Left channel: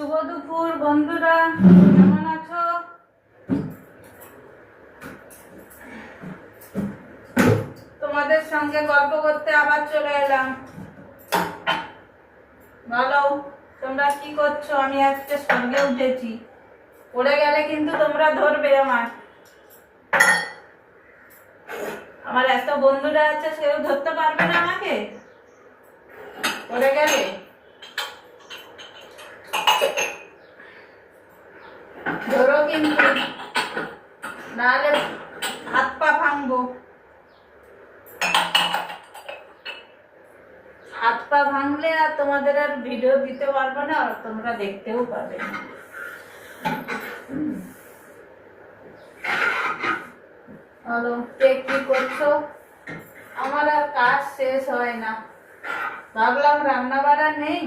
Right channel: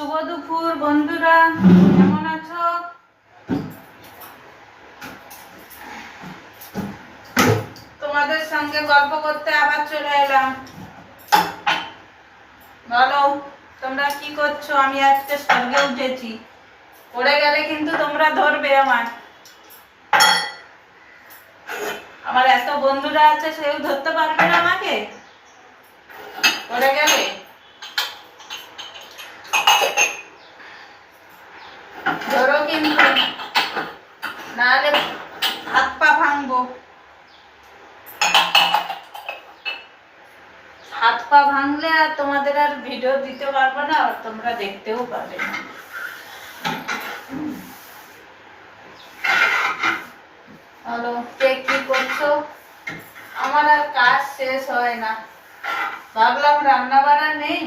শুভ দুপুর বন্ধুরা, কেমন আছো? তোমাদের সঙ্গে গল্প করতে আবার চলে এলাম। বলো, তোমরা কি করছো? আমি আজকে স্বর্গে উঠেছি। পড়ে গেলে কিন্তু তোমরা ধরবে। আমার এত বন্ধুরা আছে, সেও ধরতে পারবে না আমাকে পড়ে গেলে। ধরো কিন্তু, নাহলে হাত পা ভাঙবো। হাত পা ভাঙলে আর তোমাদের আর ভিডিও দিতে পারবো না, আর তোমরা দেখতেও পাবে না। হ্যালো, কে কি করছো? আমার আর কাজ শেষ হয় না। ভাবলাম রান্না বান্না নেই,